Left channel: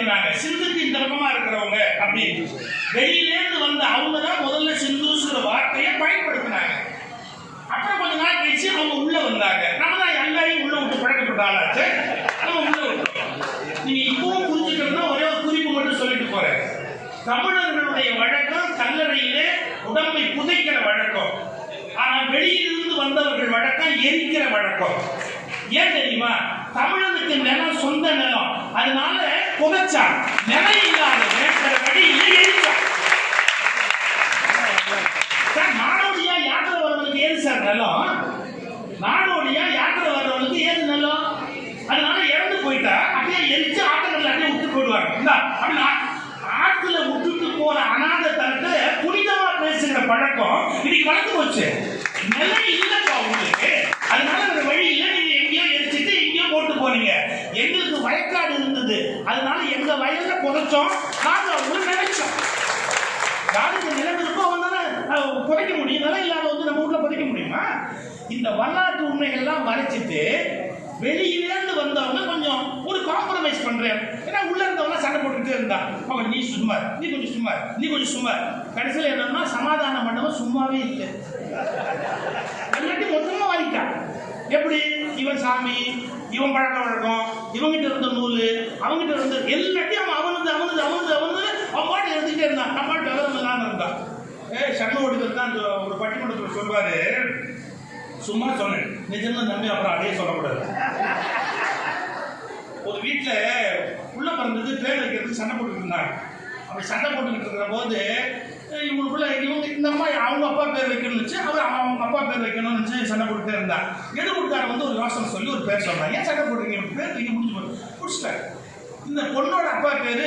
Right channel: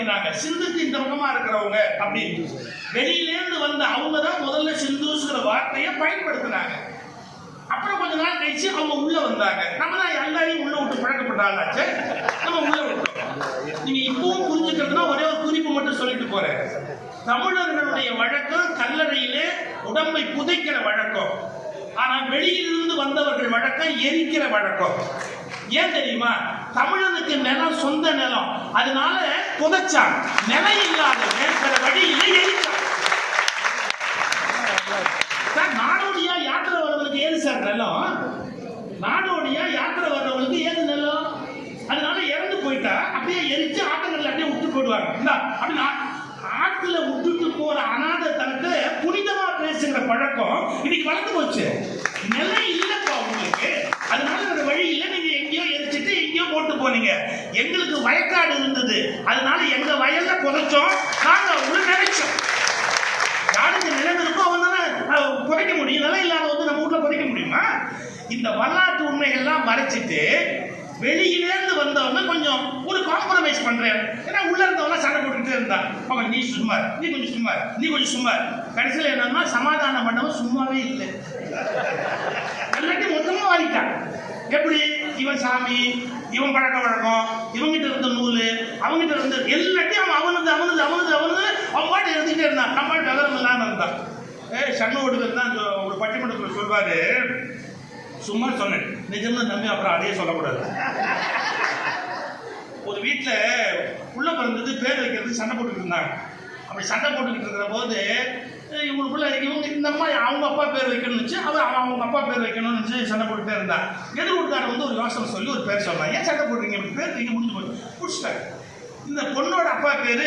அப்படின்னாங்க. சிந்துக்கு இந்த பக்கமா இருக்கிறவங்க அப்படி வெளியிலேருந்து வந்த அவங்க தான் முதல்ல சிந்துங்கிற வார்த்தையை பயன்படுத்தினாங்க. அப்புறம் கொஞ்ச நாள் கழிச்சு அவங்க உள்ள வந்தாங்க. நம்ம தான் எல்லாரையும் உள்ள விட்டு பழக்கப்பட்ட ஆளாச்சு, நம்ம உள்ள விட்டோம். நீங்க இப்பவும் புரிஞ்சுக்கிறதுனா ஒரே ஒரு குறிப்பு மட்டும் சொல்லிட்டு போறேன். தமிழர்களுடைய வழக்கம் கல்லறையிலே உடம்பை புதைக்கிற வழக்கம். ஆனால் வெளியிலிருந்து வந்தவர்கள் வழக்கம் எரிக்கிற வழக்கம். ஏன் தெரியுமா? தமிழனுக்கு நிலம் சொந்த நிலம், அதனால புதைச்சான். நிலம் இல்லாத வேற வழியில எரிச்சான். நாடோடியா யாத்திரை வர்றவங்களுக்கு ஏது சார் நிலம்? நாடோடியா யாத்திரை வர்றவங்களுக்கு ஏது நிலம்? அதனால இறந்து போயிட்டா அப்படியே எரிச்சு ஆட்டங்கள்ல அப்படியே விட்டு போயிடுவாங்க. அப்படின்னா ஆற்றுல விட்டுட்டு போற அநாத தனத்தை புனிதமா பேசுகிற பழக்கம் இன்னைக்கு வளர்ந்து போச்சு. நிலம் இல்லப்பா உங்களுக்கு, அதனால ஒரு வழி இல்லை. நீங்க எங்கேயோ எரிச்சிட்டு எங்கேயோ போட்டு போனீங்க. எங்களுக்கு வயக்காடு இருந்தது, அதனால எங்க வயல்ல புதைச்சோம். நாங்க ஒரு நினைச்சோம் யாருக்கு நிலம் இருக்கோ அவன் தானே புதைக்க முடியும். நிலம் இல்லாத வந்து நம்ம ஊர்ல புதைக்க முடியுமா? இந்த வரலாற்று உண்மைகள்லாம் மறைச்சிட்டு வெளியிலேருந்து வந்தவங்க கொஞ்சம் ஒரு காம்ப்ரமைஸ் பண்றேன். ஏன்னா உள்ள இருந்தவங்க சண்டை போட்டுக்கிட்டே இருந்தான். நீ சும்மா, நீ கொஞ்சம் சும்மா, நீ கொஞ்சம் சும்மா. கடைசியில் என்னன்னா சமாதானம் பண்ணவன் சும்மாவே இல்லை, எல்லாத்தையும் மொத்தமா வாங்கிட்டான். எப்படி? இவன் சாமி, இவன் பழக்க வழக்கம், இவங்கிட்ட இருந்த நூல், அவங்ககிட்ட இருந்த எல்லாத்தையும் அவனுக்கு அவனுக்கு அவனுக்கு அவனு அவன் பாட்டு எழுதிட்டே இருந்தான். நம்ம டெவலம் இல்லாமல் இருந்தான். சண்டை ஓடுகிறது தான் ஒரு பட்டிமன்றத்தில் சொல்வாரு. சும்மா சொன்னேன், நிஜமா நம்பி அப்புறம் அதே சொல்லக்கூடாது. ஒரு வீட்டில் உள்ள பிறந்தது பேர் வைக்கிறதுக்கு சண்டை போட்டுக்கிட்டு இருந்தாங்க. அப்படி சண்டை போட்டுக்கிட்டு இருக்கிற போது இவங்களுக்குள்ள இவங்க இந்த அம்மா அவங்க அப்பா பேர் வைக்கணும்னு அவர் அவங்க அப்பா பேர் வைக்கணும்னு சண்டை போட்டுட்டே இருந்தாங்க. எது கொடுத்தாரு வந்து ஒரு யோசனை சொல்லி ஒரு பேர் சொன்னாங்க. ஏன் சண்டை போட்டுருங்க? பேர் வைக்க முடிச்சுட்டாங்க. இந்த பொண்ணோட அப்பா பேர்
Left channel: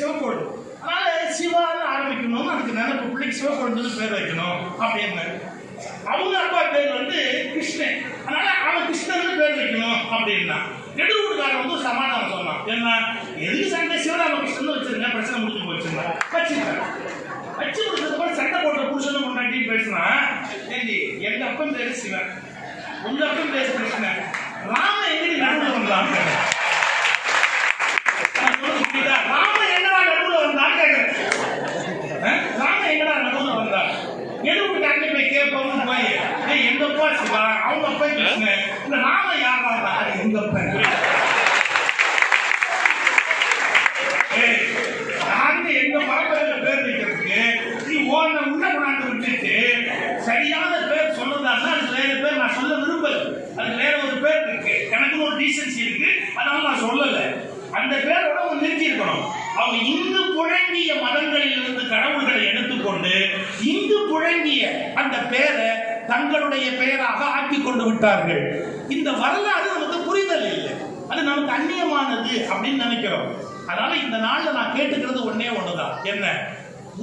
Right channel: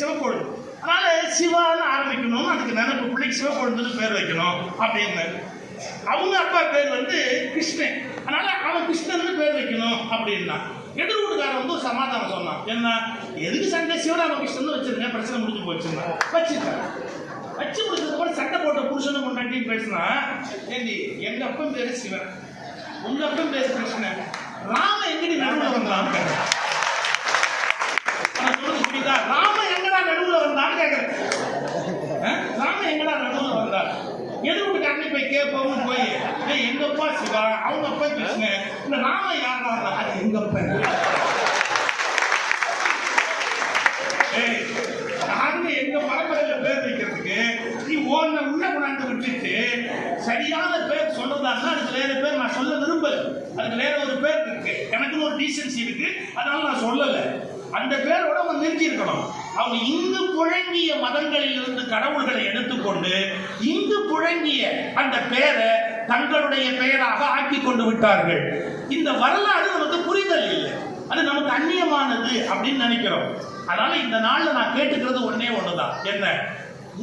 சிவப்பொழுது, அதனால சிவான்னு ஆரம்பிக்கணும்னு அதுக்கு நினைப்பு, பிள்ளைக்கு சிவப்பொழுதுன்னு பேர் வைக்கணும் அப்படின்னு. அவங்க அப்பா பேர் வந்து கிருஷ்ணன், அதனால அவன் கிருஷ்ணன் பேர் வைக்கணும் அப்படின்னா. எதிர்வீட்டுக்காரன் வந்து சமாதானம் சொன்னான். என்ன, எதுக்கு சண்டை? சிவராமகிருஷ்ணன் வச்சிருங்க, பிரச்சனை முடிஞ்சு போச்சுன்னா வச்சுருக்காங்க. வச்சு முடிச்சதுக்கு சண்டை போட்ட புருஷன் முன்னாடி பேசினா, ஏண்டி எங்க அப்பன் பேரு சிவன், உங்க அப்பன் பேரு கிருஷ்ணன், ராம எங்கடி நடுவில் வந்தான்? ராம எங்கடா நடுவில் வந்தான் கேட்கிறேன். ராம எங்கடா நடுவில் வந்தான்? எதிர்வீட்டுக்காரன் போய் கேட்போம் போய், எங்க அப்பா சிவா, அவங்க அப்பா கிருஷ்ணன், இந்த ராம யாரா? எங்க அப்பா. எங்க மரபுல பேர் வைக்கிறதுக்கு நீ ஓன உள்ள கொண்டாந்து விட்டுட்டு சரியான பேர் சொல்றதான்னா அதுக்கு வேற பேர் நான் சொல்ல விரும்பல. அதுக்கு வேற ஒரு பேர் இருக்கு, எனக்குன்னு ஒரு டீசன்சி இருக்கு, அதனால நான் சொல்லல. அந்த பேரோட அவங்க நிறுத்தி இருக்கணும். அவங்க இந்து புழங்கிய மதங்களில் இருந்து கடவுள்களை எடுத்துக்கொண்டு இந்து புழங்கிய அந்த பேரை தங்களுடைய பெயராக ஆக்கி கொண்டு விட்டார்கள். இந்த வரலாறு நமக்கு புரிதல் இல்லை, அது நமக்கு அந்நியமானது அப்படின்னு நினைக்கிறோம். அதனால இந்த நாள்ல நான் கேட்டுக்கிறது ஒன்னே ஒண்ணுதான். என்ன?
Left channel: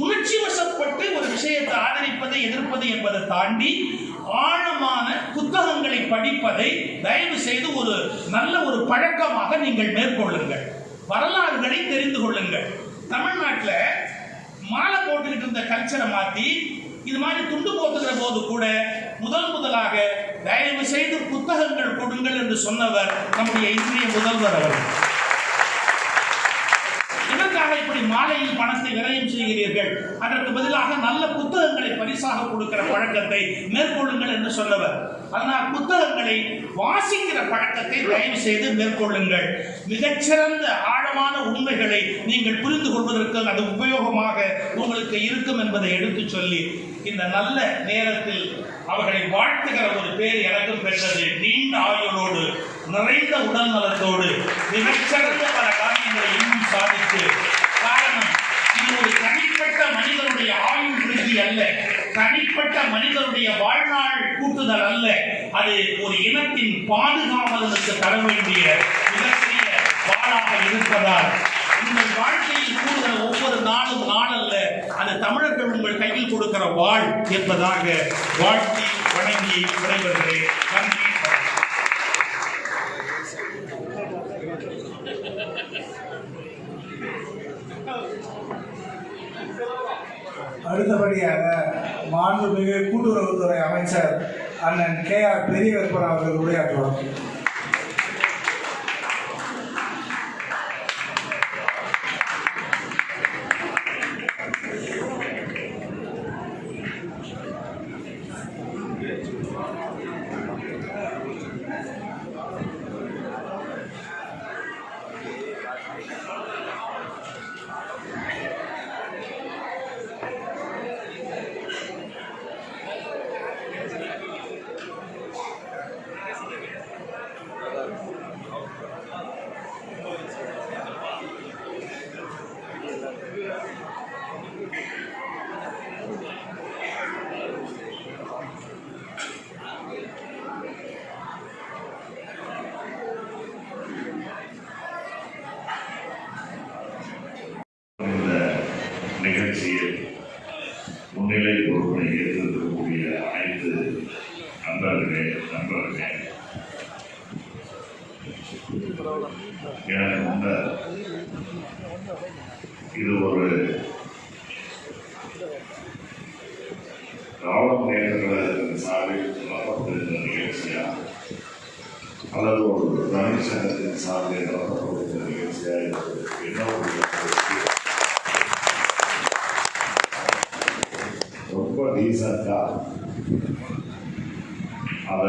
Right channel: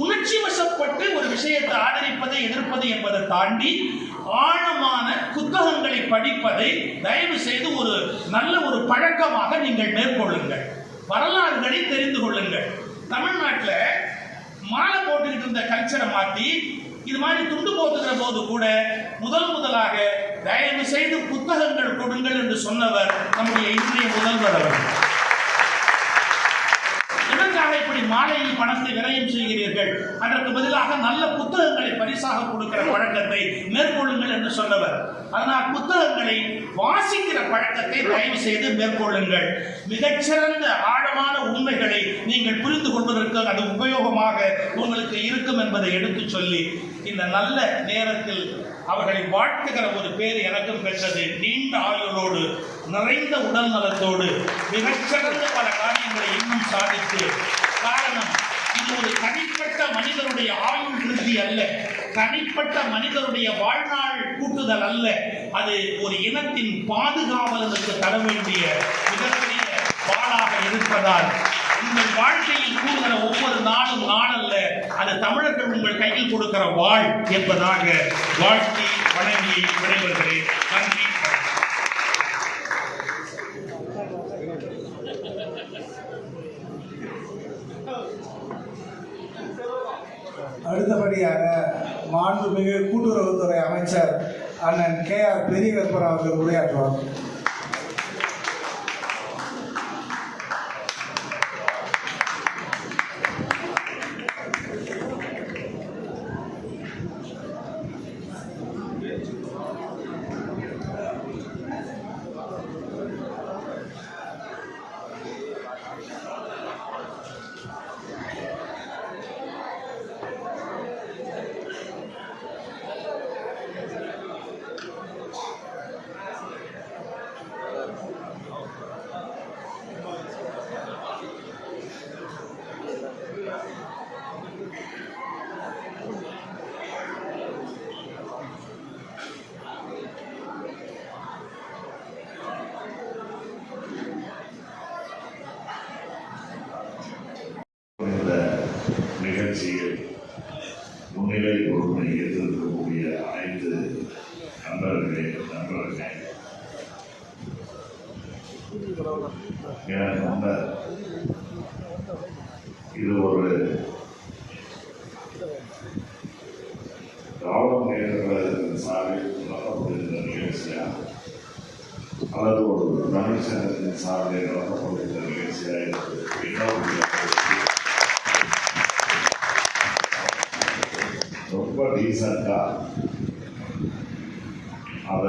உணர்ச்சி வசப்பட்டு ஒரு விஷயத்தை ஆதரிப்பதை எதிர்ப்பது என்பதை தாண்டி ஆழமான புத்தகங்களை படிப்பதை தயவு செய்து ஒரு நல்ல ஒரு பழக்கமாக நீங்கள் மேற்கொள்ளுங்கள். வரலாறுகளை தெரிந்து கொள்ளுங்கள். தமிழ்நாட்டில் மாலை போட்டுக்கிட்டு இருந்த கல்ச்சரை மாற்றி இது மாதிரி துண்டு போட்டுகிற போது கூட முதலாக தயவு செய்து புத்தகங்கள் கொடுங்கள் என்று சொன்னவர் நம்முடைய இந்திய முதல்வர் அவர்கள். எதற்காக இப்படி மாலையில் பணத்தை விரயம் செய்கிறீர்கள்? அதற்கு பதிலாக நல்ல புத்தகங்களை பரிசாக கொடுக்கிற பழக்கத்தை மேற்கொள்ளுங்கள் என்று சொன்னவர். அதனால் புத்தகங்களை வாசிக்கிற பழக்கத்தை தயவு செய்து மேற்கொள்ளுங்கள். மிகச்சிறந்த ஆழமான உண்மைகளை நீங்கள் புரிந்து கொள்வதற்கு அது உபயோகமாக உங்களுக்கு இருக்கும் என்பதை எடுத்து சொல்லி இந்த நல்ல நேரத்தில் அவர்களை வாழ்த்துகிற ஒரு பேர் எனக்கும் பெற்றது. நீண்ட ஆயுளோடு, நிறைந்த உடல் நலத்தோடு, மிகச்சிறந்த பல காரியங்களை இன்னும் சாதித்து. காரணம், இது ஒரு தனிப்பட்ட மனிதனுடைய ஆயுள் விருத்தி அல்ல, தனிப்பட்ட மனிதனுடைய வாழ்நாள் கூட்டுதல் அல்ல, அது ஒரு இனத்தின் பாதுகாவலனுக்கு தர வேண்டிய மிகப்பெரிய வாளாக இருப்பதால் உங்கள் வாழ்க்கையில் கூடுகிற ஒவ்வொரு நாளும் நாளல்ல, அது தமிழர்கள் உங்கள் கையில் கொடுக்கிற வாழ் என்பதாக வாழ்த்தி வணங்கி விடைபெறுகிறேன். நன்றி. அடுத்தபடியாக மாண்புமிகு கூட்டுறவுத்துறை அமைச்சர் அண்ணன் KR பெரியகற்பன் அவர்கள் உரையாற்றுவார். இந்த நிகழ்ச்சியில் முன்னிலை பொறுப்பை ஏற்றிருக்கக்கூடிய அனைத்து நண்பர்களே எனக்கு முன்னர் இது ஒரு ராவண நேரங்களின் சார்பில் நடத்தப்படுகின்ற நிகழ்ச்சியா அல்லது ஒரு தமிழ் சங்கத்தின் சார்பில் நடத்தப்படுகின்ற நிகழ்ச்சியா என்ன ரொம்ப டீசெண்டாக அந்த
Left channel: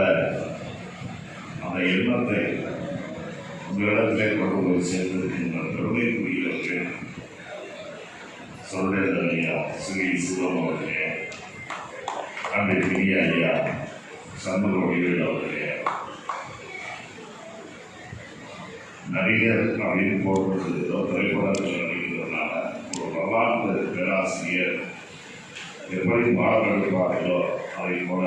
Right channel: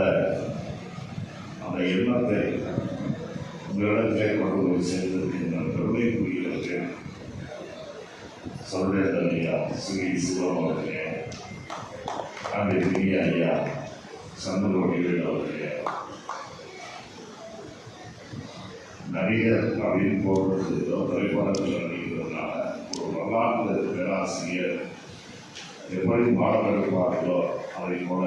எண்ணத்தை உங்களிடத்திலே கொண்டு போய் சேர்ந்திருக்கின்ற பெருமைக்குரியவர்கள் சொல்றேன் ஐயா ஸ்ரீ சிவம் அவர்களே, அந்த பெரிய ஐயா சந்தோஷ் அவர்களே, நடிகர் அப்படின்னு போடுறது ஏதோ திரைப்படத்தில் நடிக்கிறதுனால ஒரு வரலாற்று பேராசிரியர் எப்படி பாடமெடுப்பார்களோ அதை போல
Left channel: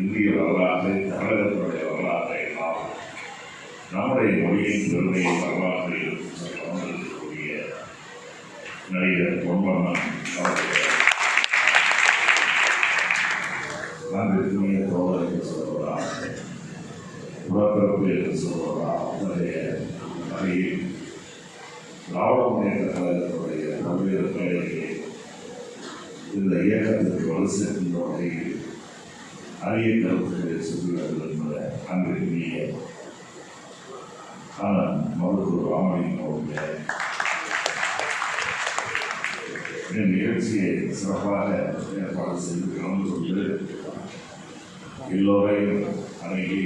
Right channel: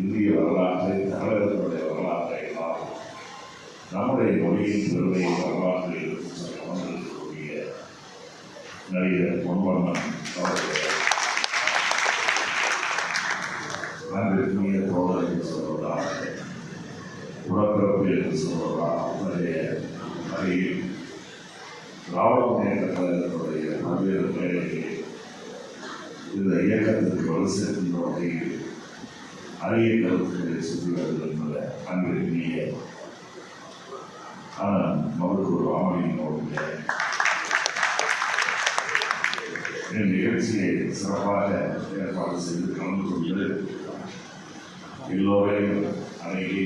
இந்திய வரலாற்றை தமிழகத்துடைய வரலாற்றை எல்லாம் நம்முடைய மொழியின் பெருமையை வரலாற்றை இருக்கக்கூடிய நடிகர் பொன்வண்ணன் அவர்கள் நன்றிக்குரிய தோழர் என்று சொல்வதா உடற்பிறப்பு என்று சொல்வதா அவருடைய அருகில் திராவிட முன்னேற்ற கழகத்துடைய பல்வேறு பெயர்களை இந்த இயக்கத்திற்கு வலு சேர்க்கின்ற வகையில் அரிய கருத்துக்களை சொல்லுவது என்பதை அன்பிற்குரிய மருத்துவர் ராமலிங்கம் அவர்களே, இந்த நிகழ்ச்சியை சிறப்பாக ஏற்பாடு செய்து கலந்து கொண்டு எல்லோரையும் அணுகி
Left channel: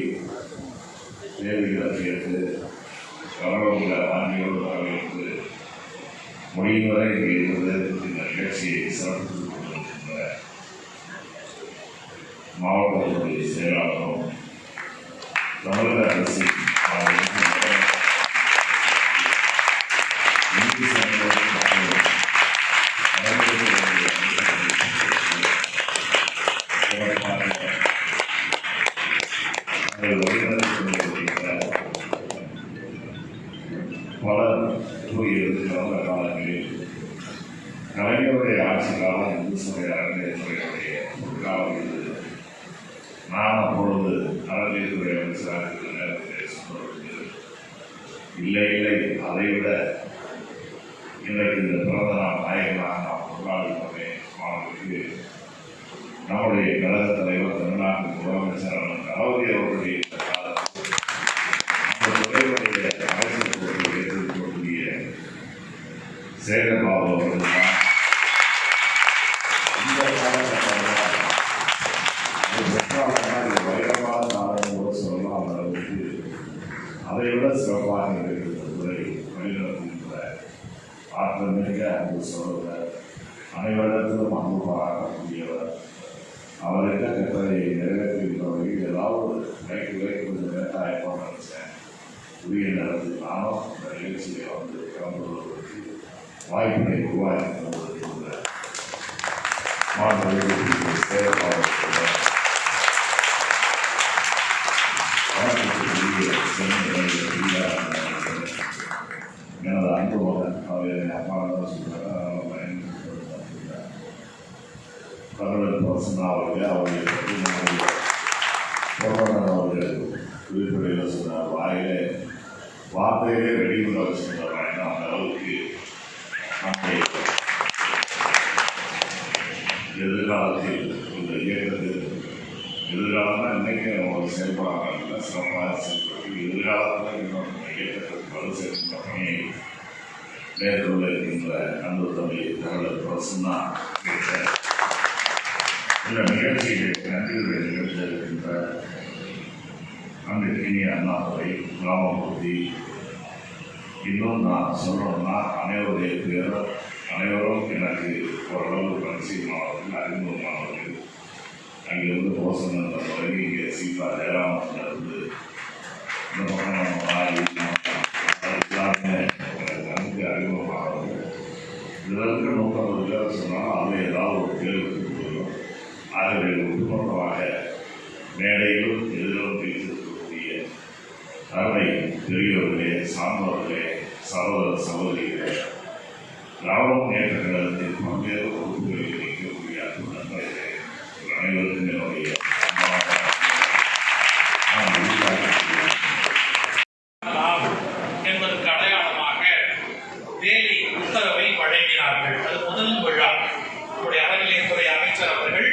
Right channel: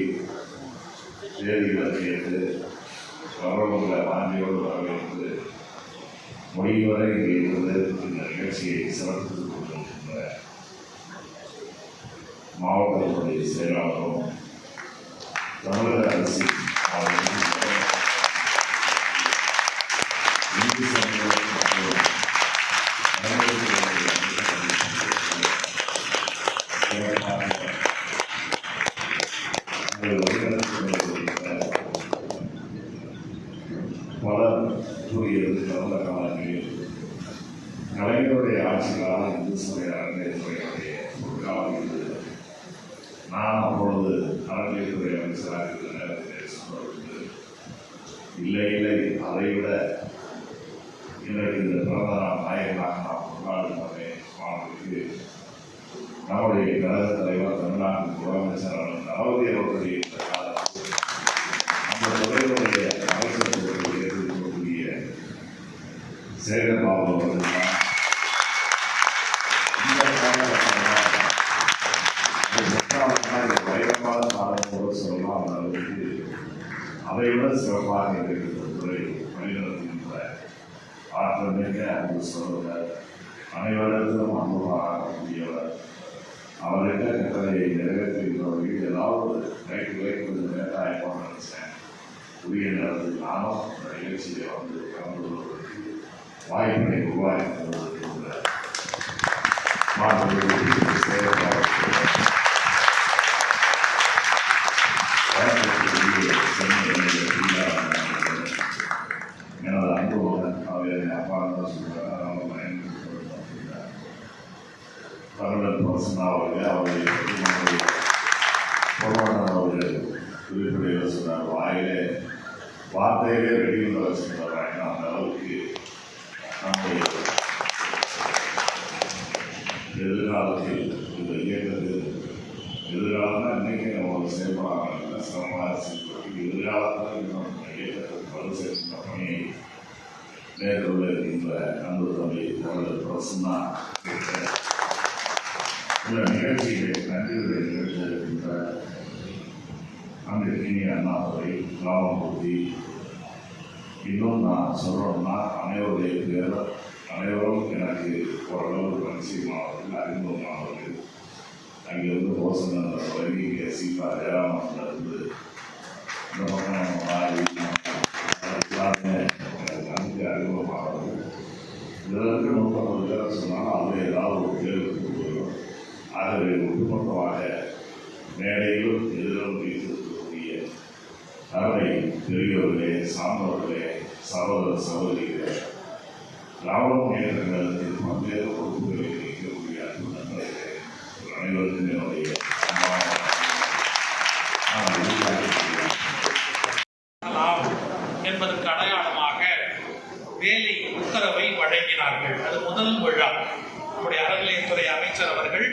தேதிகளை கேட்டு வரவங்களை ஆண்டியோடு வரவேற்று முடிவரை இருந்து இந்த நிகழ்ச்சியை சிறப்பித்துக் கொண்டிருக்கின்ற மாவட்டத்துடைய செயலாளரும் தமிழக அரசின் இந்து சமூகம் பலர் கூறியது கடந்த காலங்களில் கலைஞருடைய ஆட்சி காலம் இந்து சமய அறநிலையத்துறையுடைய ஒரு காலம் இருந்தது. நான் அப்பொழுது அறநிலையத்துறை அமைச்சராக இருக்கிற நேரத்தில் சொல்வது இல்லை அதைவிட இன்றைக்கு இந்த பிறந்த நாள் நாயகனாக நாம் கொண்டாடுகிறோமே மாணவர்களுக்கு நம்முடைய கழக தலைவர் தமிழ்நாட்டின் முதலமைச்சர் தளபதி அவர்களுடைய இந்த காலத்தில் அந்த துறையுடைய அமைச்சர் பொறுப்பை ஏற்றிருக்கக்கூடிய சேகர்பாபு அவர்கள் தான் இந்த காலகட்டத்தில் பயங்கரமான காலம் சொல்லலாம். அந்த அளவுக்கு அதை விட சிறப்பாக இருக்கின்ற துறை வழிநடத்துகின்ற ஆற்றல் மிக்க அன்பு சொல்வர், அனைவரிடத்திலும் அன்பு பாராட்டக்கூடியவர், அவர்கிட்ட கட்டளையை நிறைவேற்றுகின்றவர்கள் ஏதாவது கொஞ்சம் லேட்டாக ஆயிப்போம் நினைச்சேன். உரிய நேரத்தில் நானும் இந்த நிகழ்ச்சியை வந்து கலந்து கொள்வதற்கு வாய்ப்பினை உருவாக்கி கொண்டிருக்கின்ற எனது அன்பு மகன் அவர் என் அப்பா தான் சொல்கிறார். தமிழர் பர்சனா அவர்களே, அவர்களை பற்றி பொருளாதார அவர்கள் குறிப்பிடையில் சொன்னார். வாயிலே வார்த்தையிலே வெளியுள்ள வச்சுருந்தாங்க. அந்த அளவுக்கு நம்முடைய எதிர்காலத்தில் இந்த இயக்கத்தில் எதிர்காலம்னா இன்றைக்கி அவங்க செயல்படாங்க சிறப்பாக செயல்பட்டு எதிர்காலத்தில் இன்னும் இந்த இயக்கத்திற்கு வலு சேர்க்கின்ற பணியை மேற்கொள்ள இருக்கின்ற அன்பு தமிழ் தமிழர் பிரசன்னா இந்த நிகழ்ச்சியை நன்றியுரை நிகழ்ச்சியிருக்கின்ற அன்றைய அண்ணாதுரை ராமமூர்த்தி, இன்னும் நான் சொல்லணும்னா அனைவரும் எனக்கு ஓரளவு பரிசீலமானவர்கள், அறிமுகமானவர்கள். அங்கிருந்து போசன் தொடங்கி இங்கே சீதா ஜெயராமன்லேருந்து இந்த பக்கம் எல்லாருமே எனக்கு நன்கு அறிமுகமானவர்கள். இதற்கு 30 பேர் சொன்னாலும் அதில் ஏதாவது ஒரு கேள்வி கொடுக்கணும். ஆகவே ஒட்டுமொத்தமாக மேடையிலும் எதிரும் வைத்திருக்கக்கூடிய அருமை பெரியோர்களே, சார்ந்தவர்களே, சகோதர சகோதரிகளே, திராவிட முன்னேற்ற கழகத்தில் பல்வேறு பொறுப்புகளில் இருக்கக்கூடிய நண்பர்களே, அனைவருக்கும் என்னுடைய என்பதற்கு அடையாளமாக வேலை உத்தரவை வழங்கினார்கள். அது முதல் விழா. நம்முடைய அறநிலையத்துறை அமைச்சர் அவர்கள்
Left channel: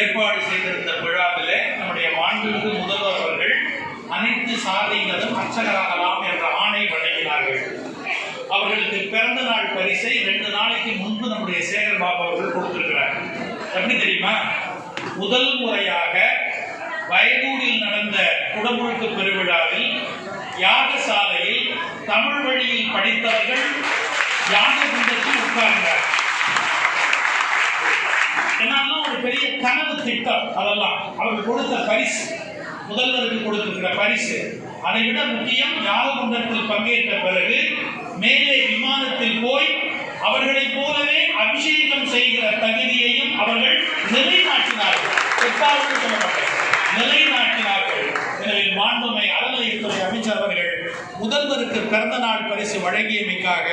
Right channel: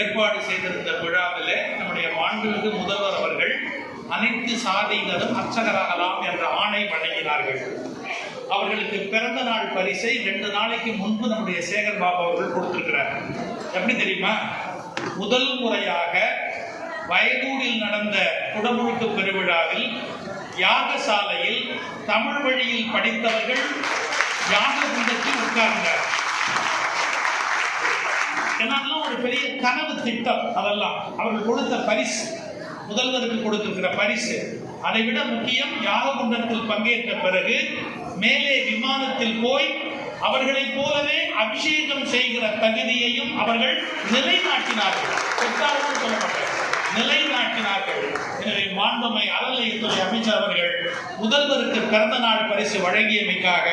ஏற்பாடு செய்திருந்த விழாவிலே நம்முடைய மாண்புமிகு முதல்வர் அவர்கள் அனைத்து சாதியினரும் அர்ச்சகராகலாம் என்ற ஆணை வழங்கினார்கள். அவர்களுக்கு பிறந்த நாள் பரிசை 2 நாளைக்கு முன்பு நம்முடைய சேகர் பாபு அவர்கள் கொடுத்திருக்கிறார். எப்படி தெரியுமா? முதல் முறையாக வயதூரில் நடந்த குடமுழுக்கு பெருவிழாவில் யாகசாலையில் தமிழ் வழியில் படித்தவர்கள் யாக குண்டத்தில் உட்கார்ந்தார். என்னெல்லாம் ஒரு பெரிய கனவு திட்டம். அதெல்லாம் அவர்கள் கொடுத்த பரிசு, முதல்வருக்கு கொடுத்திருக்கிற பரிசு. அதை விட முக்கியம், யாககுண்டத்தில் பங்கேற்ற பிறகு மேலே விமானத்தில் போய் அவர்களைப் போலவே அபிஷேகம் செய்கிற தகுதியையும் அவர்கள் நிலைநாட்டினார்கள். நிலைநாட்டினார்கள். எனவே மாண்புமை அறநிலையத்துறை அமைச்சர் அவர்கள் முதல்வருக்கு பிறந்த நாள் பரிசு வழங்கியமைக்காக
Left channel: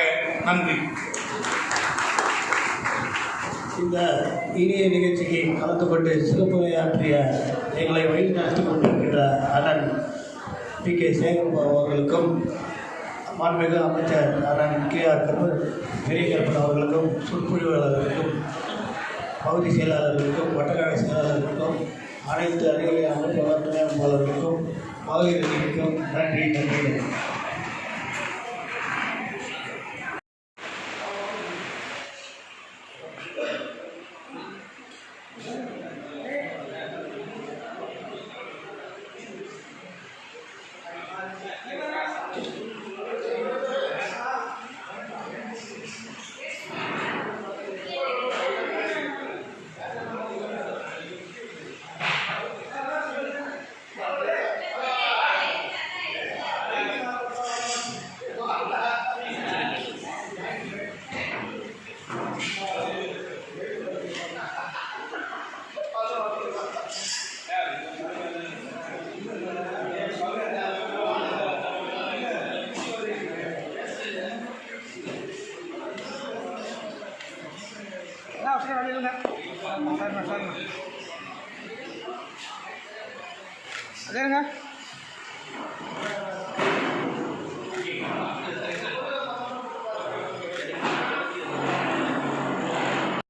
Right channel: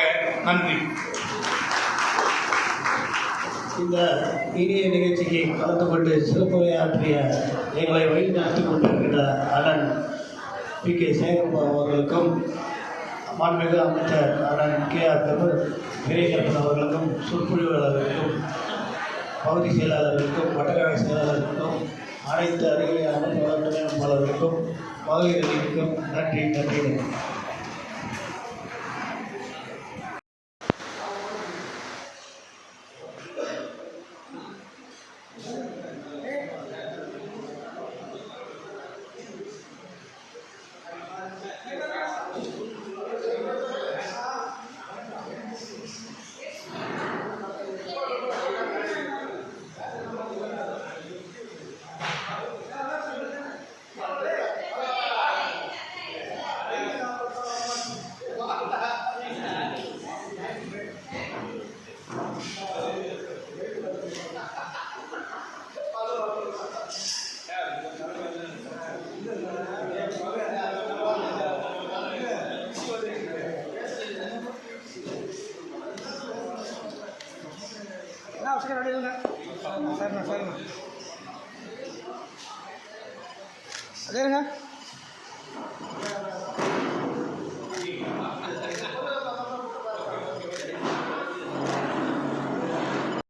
நன்றி. இந்த இனிய நிகழ்ச்சிக்கு கலந்து கொண்டு சிறப்புரையாற்றிய எங்களை வழிநடத்தி கொண்டிருக்கின்ற அண்ணன் PK சேகர்பாபு அவர்களுக்கும், மாண்புமிகு அமைச்சர் அண்ணன் KR பெரியகற்பன் அவர்களுக்கும், சொற்பொழிவாளர்களுக்கும், பகுதி செயலாளர்களுக்கும், வட்டக்கழக செயலாளர்களுக்கும், அனைத்து அருகிலே அமைப்பு வளர்ச்சியாளர்களுக்கும், மகளிர்களுக்கும் நன்றி நன்றி. சரிங்க.